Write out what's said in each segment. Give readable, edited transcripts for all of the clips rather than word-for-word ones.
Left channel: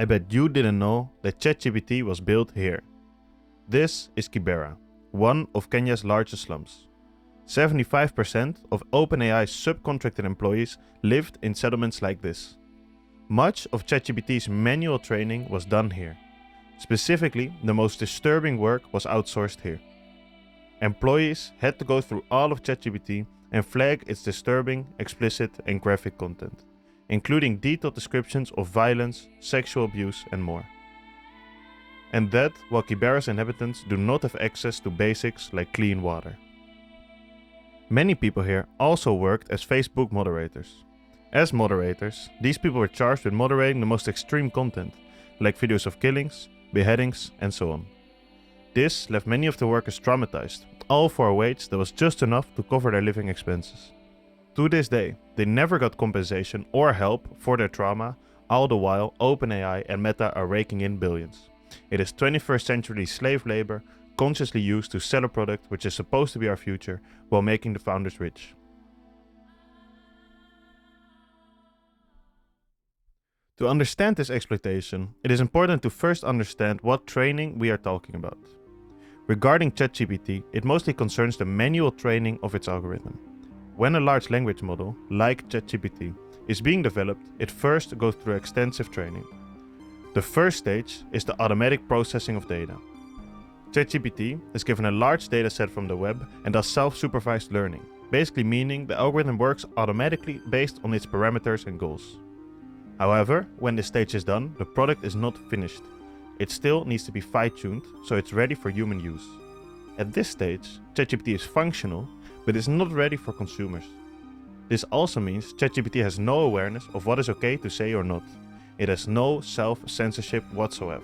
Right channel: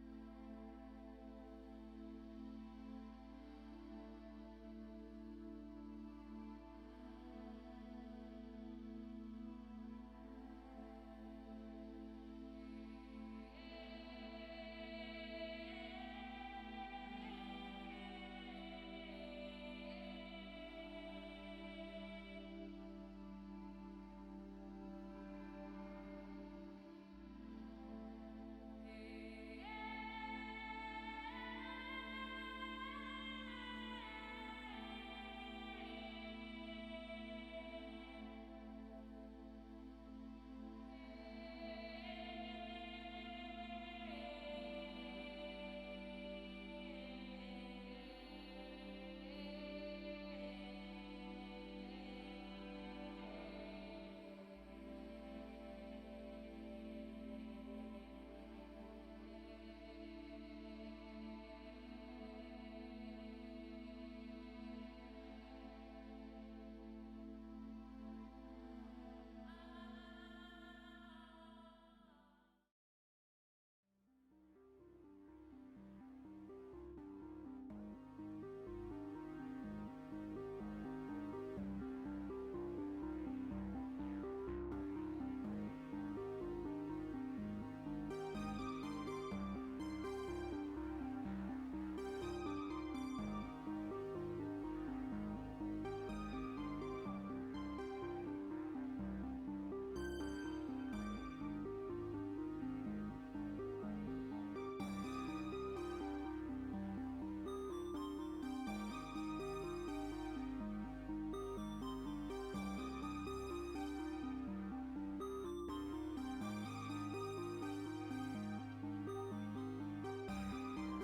I bet you didn't know that ChatGPT was built here. This is Kibera, one of Kenya's largest slums. 75% of OpenAI's subcontracted employees lived in settlements like this. Much of ChatGPT's manual training was done here. Specifically, the most disturbing work was outsourced here. Employees had to go through all of ChatGPT and flag its disturbing, explicit, and graphic content, including detailed descriptions of violence, sexual abuse, and more. And that while Kibera's inhabitants do not have access to basics like clean water. Many people here also worked as Facebook moderators. As moderators, these people were charged with moderating the most extreme content, like videos of killings, beheadings, and so on. This left many of the workers traumatized, all for a wage that was just enough to cover their living expenses. To this day, they never got compensation or help for their trauma, all the while OpenAI and Meta are raking in billions. It is 21st century slave labor consciously used to sell a product which is supposed to be our future while making the founders rich. To understand this exploitation, it is important to first understand what training we are talking about. Regarding ChatGPT, it mostly concerns the manual training of its algorithm. When a large language model, like ChatGPT, is being developed, it first goes through extensive training. The first stage is the automatic processing of data. ChatGPT is given a large dataset from the web and does self-supervised learning, basically meaning the algorithm works automatically based on its parameters and goals. However, when this stage is done, the product is not finished. It still needs to be fine-tuned, so it's ready for human use. At this stage, ChatGPT is functional, but is not ready for consumers. This also means ChatGPT has no awareness of what is okay to say or not. It has no self-censorship whatsoever.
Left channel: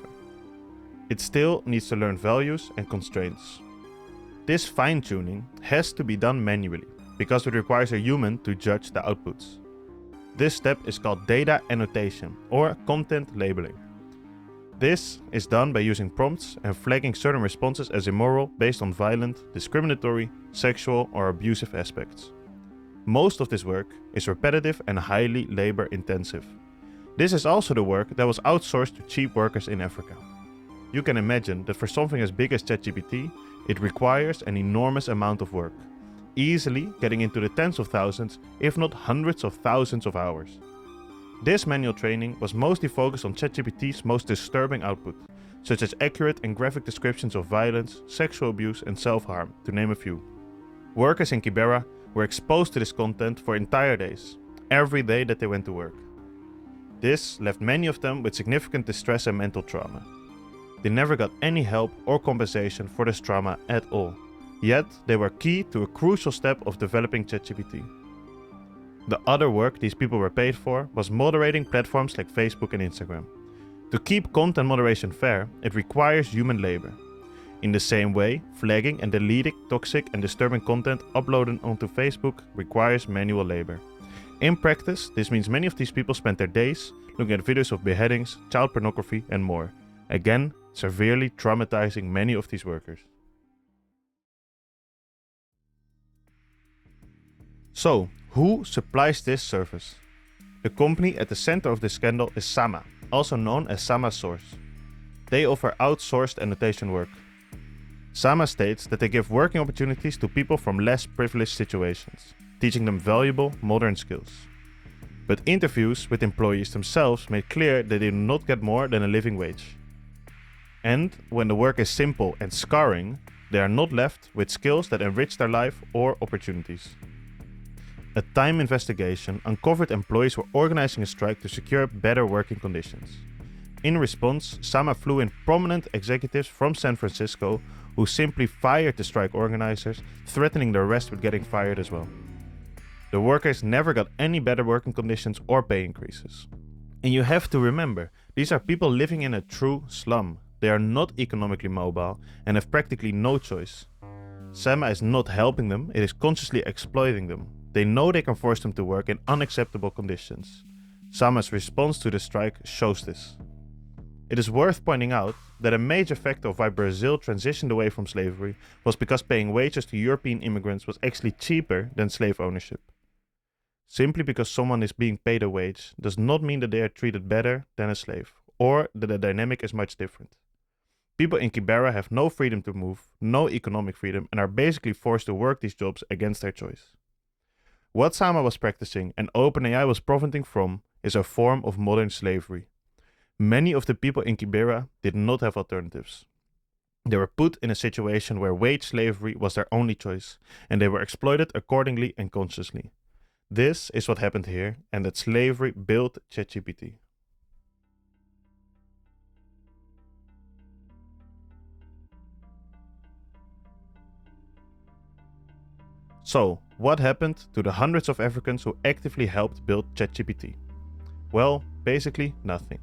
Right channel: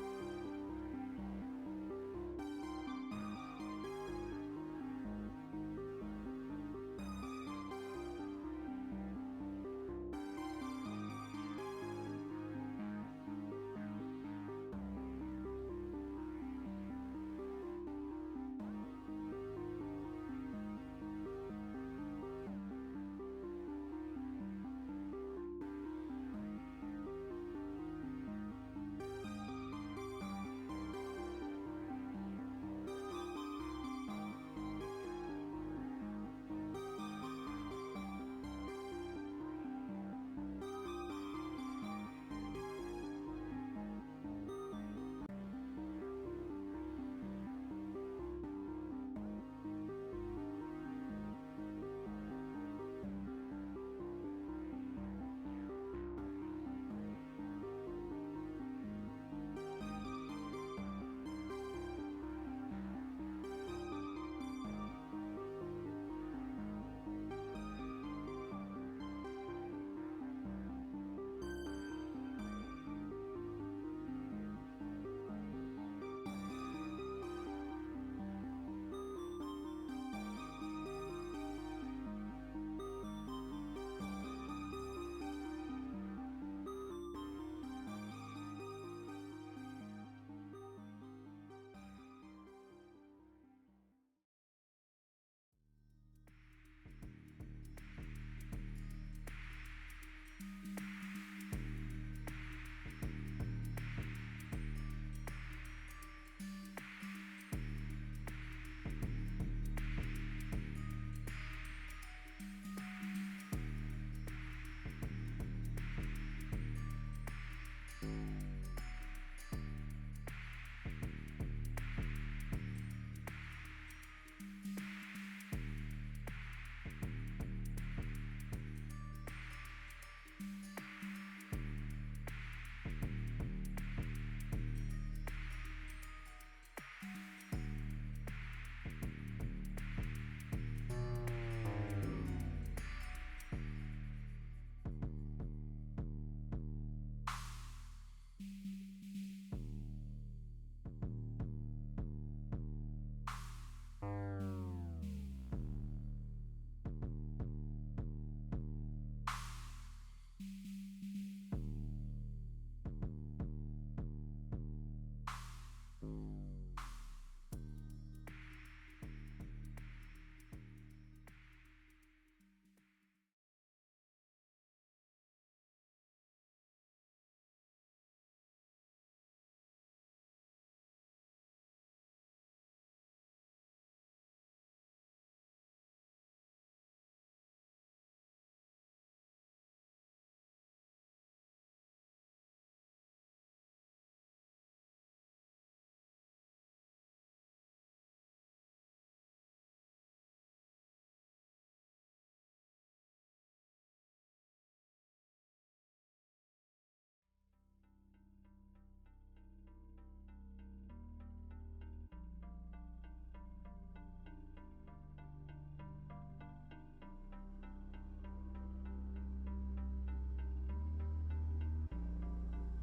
It still needs to learn values and constraints. This fine-tuning has to be done manually, because it requires a human to judge the outputs. This step is called data annotation, or content labeling. This is done by using prompts and flagging certain responses as immoral based on violent, discriminatory, sexual, or abusive aspects. Most of this work is repetitive and highly labor-intensive. This is also the work that was outsourced to cheap workers in Africa. You can imagine that for something as big as ChatGPT, it requires an enormous amount of work, easily getting into the tens of thousands, if not hundreds of thousands of hours. This manual training was mostly focused on ChatGPT's most disturbing output, such as accurate and graphic descriptions of violence, sexual abuse, and self-harm, to name a few. Workers in Kibera were exposed to this content for entire days, every day that they went to work. This left many of them with significant distress and mental trauma. They never got any help or compensation for this trauma at all, yet they were key to a crucial step of developing ChatGPT. The other work these people were paid for was moderating platforms like Facebook and Instagram. To keep content moderation fair, it requires human labor. In the same way, flagging and deleting toxic and disturbing content uploaded onto Facebook requires manual labor. In practice, this means many of these people spent their days looking at videos of beheadings, child pornography, and more, again severely traumatizing many of these workers. So, who supplies this service? The company at the center of this scandal is Sama, also known as Sama Source. They offer outsourced annotation work. Sama states that they give working opportunities to people from less privileged situations, teaching them valuable modern skills. But interviews with employees themselves made clear that they do not get more than a living wage. And when the work is simple and scarring, they are not left with skills that enrich their life or opportunities. A time investigation uncovered employees were organizing a strike to secure better working conditions. In response, Sama flew in prominent executives from San Francisco who simply fired the strike organizers, threatening the rest with getting fired as well. The workers never got any better working conditions or pay increases. And you have to remember, these are people living in a true slum. They are not economically mobile and have practically no choice. Sama is not helping them, it is consciously exploiting them. They know they can force them to work in unacceptable conditions. Sama's response to the strike shows this. It is worth pointing out that a major factor of why Brazil transitioned away from slavery was because paying wages to European immigrants was actually cheaper than slave ownership. Simply because someone is being paid a wage does not mean that they are treated better than a slave, or that the dynamic is much different. People in Kibera have no freedom to move, no economic freedom, and are basically forced to work these jobs against their choice. What Sama was practicing and OpenAI was profiting from is a form of modern slavery. Many of the people in Kibera did not have alternatives. They were put in a situation where wage slavery was their only choice, and they were exploited accordingly and consciously. This is what happened here, and that slavery built ChatGPT. So, what happened to the hundreds of Africans who actively helped build ChatGPT? Well, basically nothing.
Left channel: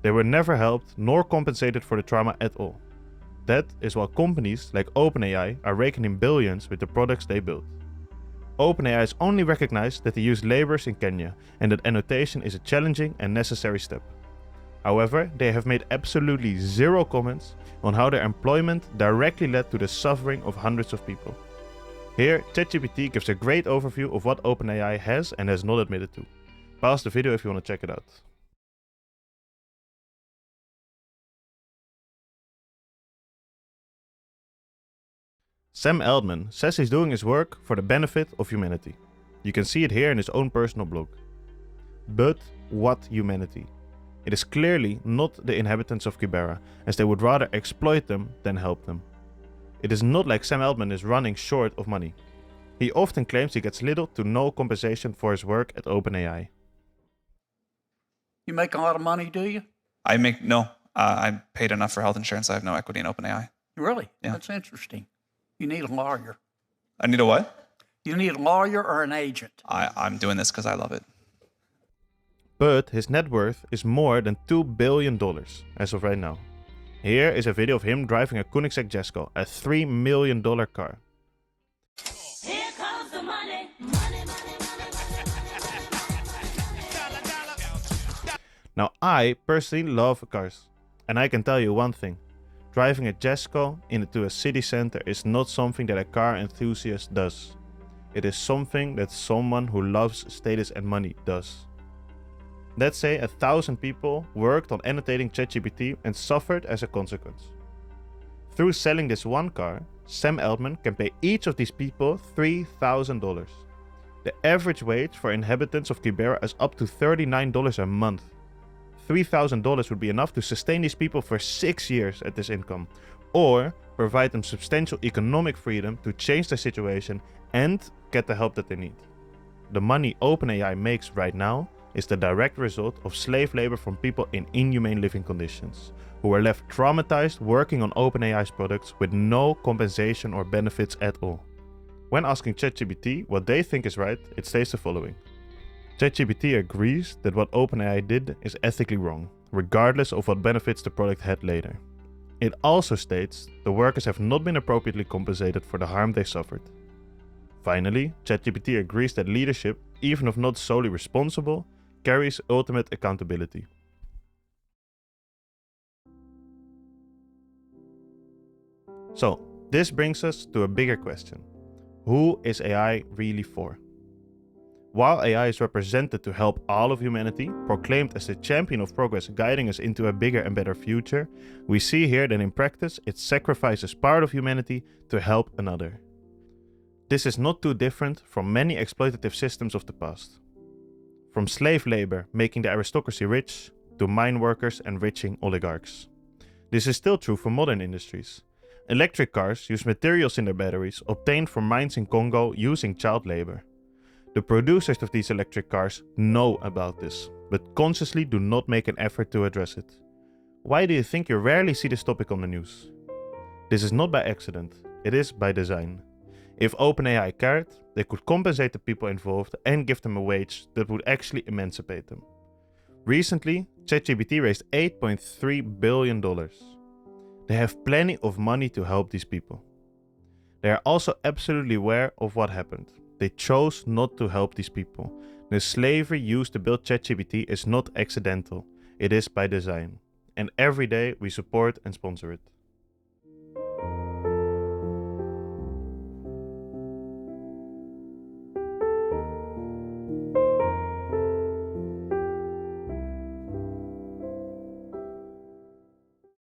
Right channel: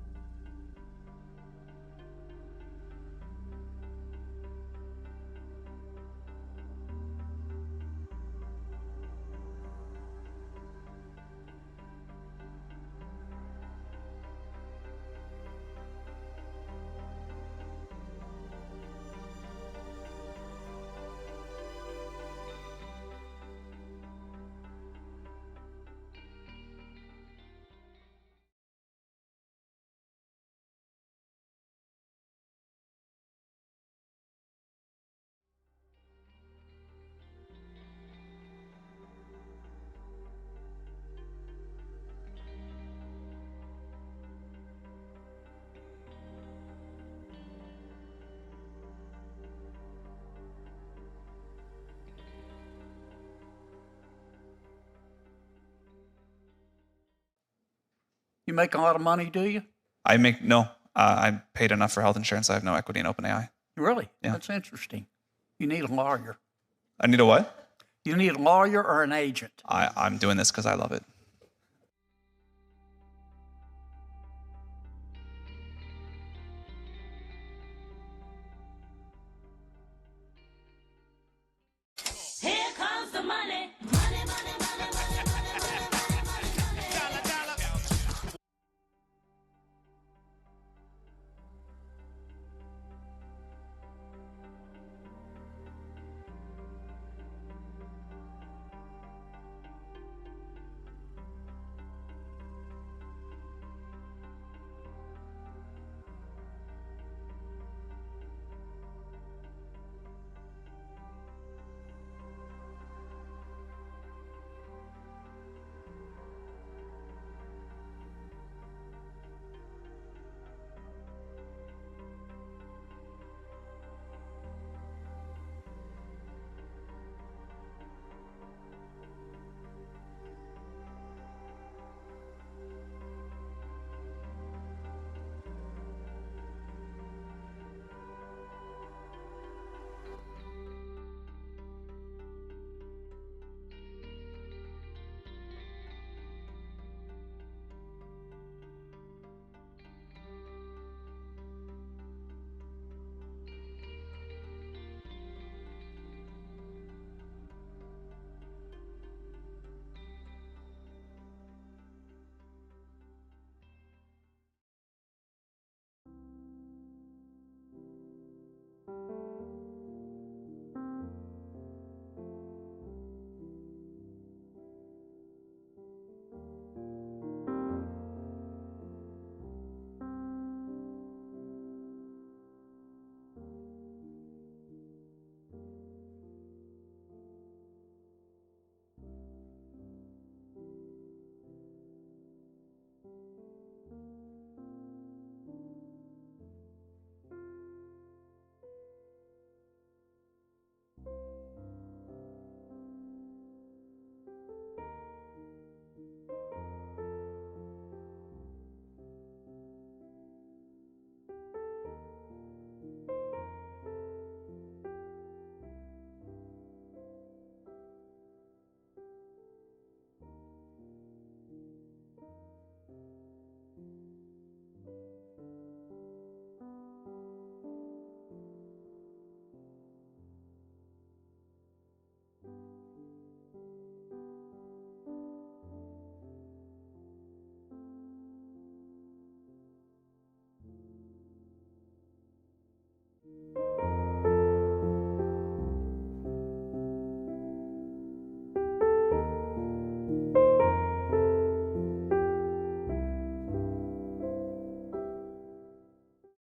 They were never helped nor compensated for the trauma at all. That is why companies like OpenAI are raking in billions with the products they build. OpenAI has only recognized that they use laborers in Kenya and that annotation is a challenging and necessary step. However, they have made absolutely zero comments on how their employment directly led to the suffering of hundreds of people. Here, ChatGPT gives a great overview of what OpenAI has and has not admitted to. Pause the video if you want to check it out. Sam Altman says he's doing his work for the benefit of humanity. You can see it here in his own personal blog. But what humanity? It is clearly not the inhabitants of Kibera, as they would rather exploit them than help them. It is not like Sam Altman is running short of money. He often claims he gets little to no compensation for his work at OpenAI. You make a lot of money, do you? No. I'm paid enough for health insurance. I have no equity in OpenAI. Really? Yeah. That's interesting. You need a lawyer. I need a what? You need a lawyer or an agent. I'm doing this because I love it. But his net worth is more than $2 billion as of right now. Here is a video of him driving a Koenigsegg Jesko, a $3 million car. Here comes the money. Now I personally love cars, and I can tell you one thing. Driving a Jesko into a city center is not something that a car enthusiast does. It is something that someone who loves status and money does. Let's say 1,000 people worked on annotating ChatGPT and suffered as a consequence. Through selling this one car, Sam Altman can pay each of these people $3,000. The average wage for inhabitants of Kibera is up to $39 a month. $3,000 would be enough to sustain these people for 6 years at this income, or provide them substantial economic freedom to change their situation and get the help that they need. The money OpenAI makes right now is the direct result of slave labor from people in inhumane living conditions, who were left traumatized working on OpenAI's products with no compensation or benefits at all. When asking ChatGPT what they think is right, it states the following. ChatGPT agrees that what OpenAI did is ethically wrong, regardless of what benefits the product had later. It also states the workers have not been appropriately compensated for the harm they suffered. Finally, ChatGPT agrees that leadership, even if not solely responsible, carries ultimate accountability. So, this brings us to a bigger question. Who is AI really for? While AI is represented to help all of humanity, proclaimed as the champion of progress guiding us into a bigger and better future, we see here that in practice it sacrifices part of humanity to help another. This is not too different from many exploitative systems of the past. From slave labor making the aristocracy rich, to mine workers enriching oligarchs. This is still true for modern industries. Electric cars use materials in their batteries obtained from mines in Congo using child labor. The producers of these electric cars know about this, but consciously do not make an effort to address it. Why do you think you rarely see this topic on the news? This is not by accident, it is by design. If OpenAI cared, they could compensate the people involved and give them a wage that would actually emancipate them. Recently, ChatGPT raised $8.3 billion. They have plenty of money to help these people. They are also absolutely aware of what happened. They chose not to help these people. The slavery used to build ChatGPT is not accidental, it is by design. And every day we support and sponsor it.